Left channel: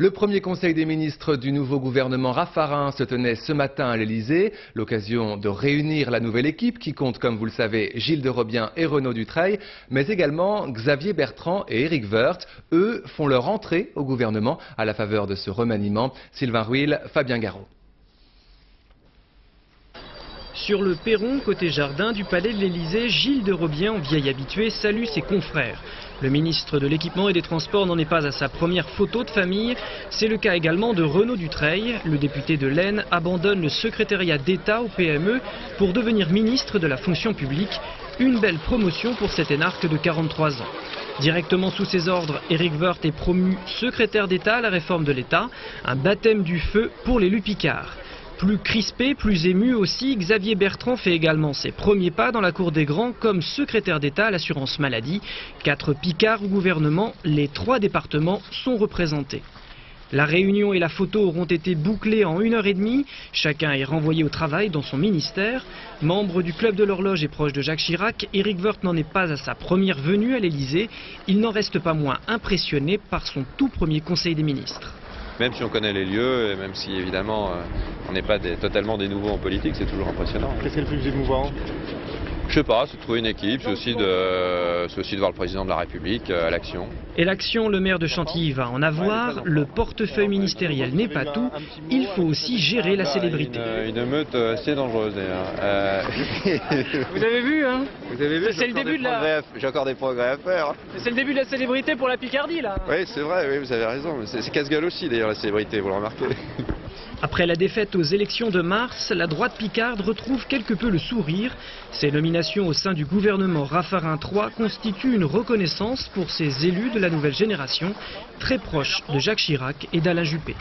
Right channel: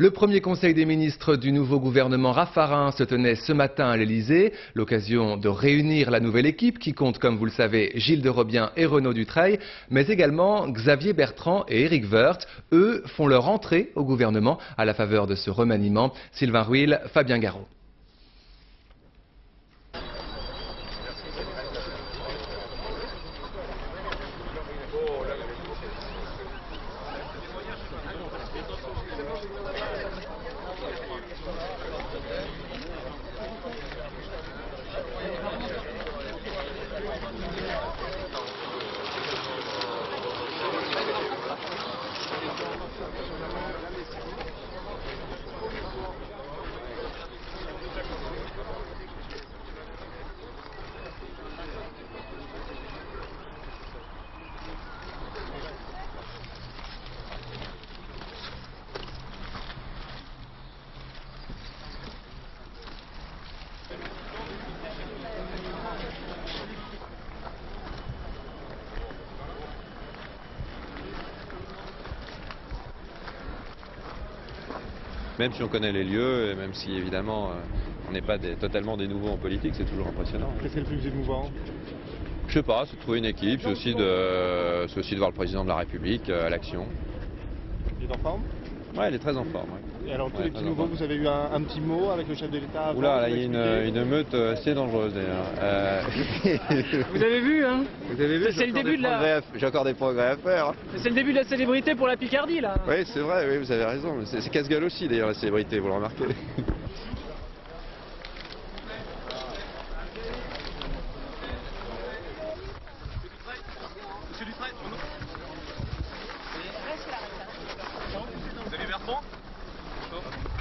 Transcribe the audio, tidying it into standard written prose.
Le premier conseil des ministres du nouveau gouvernement Raffarin se tenait ce matin à l'Elysée, l'occasion de réunir la nouvelle équipe qui compte, comme vous le savez, Gilles de Robien et Renaud Dutreil, mais également Xavier Bertrand et Éric Woerth. Eux font leur entrée au gouvernement à la faveur de ce remaniement. Sylvain Rouil, Fabien Garot. Sur le perron, côté jardin du palais de l'Elysée, Gilles de Robien, vieil habitué, salue ses confrères. Le ministre de l'Équipement et des Transports n'en est pas à sa première photo de famille. C'est le cas également de Renaud Dutreil. Le député de l'Aisne abandonne le secrétariat d'État au PME pour devenir ministre de la fonction publique. Une belle promotion pour cet énarque de 43 ans. Directement sous ses ordres, Éric Woerth est promu secrétaire d'État à la réforme de l'État. Un baptême du feu pour l'élu Picard. Plus crispé, plus ému aussi, Xavier Bertrand fait également ses premiers pas dans la cour des grands comme secrétaire d'État à l'assurance maladie. 4 Picards au gouvernement, les 3 départements sont représentés. La réunion et la photo auront été bouclées en 1h30. Chacun est renvoyé au travail dans son ministère. Membre du club de l'horloge et proche de Jacques Chirac, Éric Woerth n'en est pas à sa première venue à l'Elysée. Il n'en reste pas moins impressionné par son tout premier conseil des ministres. Même si on connaît les lieux, et même si évidemment on n'est pas totalement des nouveaux en politique, c'est toujours impressionnant. Qu'est-ce qui est le plus émouvant? Je sais pas, c'est de trouver une équipe, c'est aussi de voir le président de la République à l'action. Et l'action, le maire de Chantilly va en avoir. Le portefeuille ministériel n'est pas tout, il faut aussi gérer la célébrité. Une meute assez dangereuse d'ailleurs. Vous avez vu, hein? C'est le début de la... J'ai encore des progrès à faire. C'est le début de la célébrité pour la Picardie, là. Oui, c'est vrai, oui, vous avez raison. C'est casse-gueule aussi d'ailleurs la célébrité, vous le remarquez. Après la défaite aux élections de mars, la droite picarde retrouve quelque peu le sourire. Ces nominations au sein du gouvernement Raffarin III constituent une reconnaissance pour ces élus de la nouvelle génération, très proches de Jacques Chirac et d'Alain Juppé.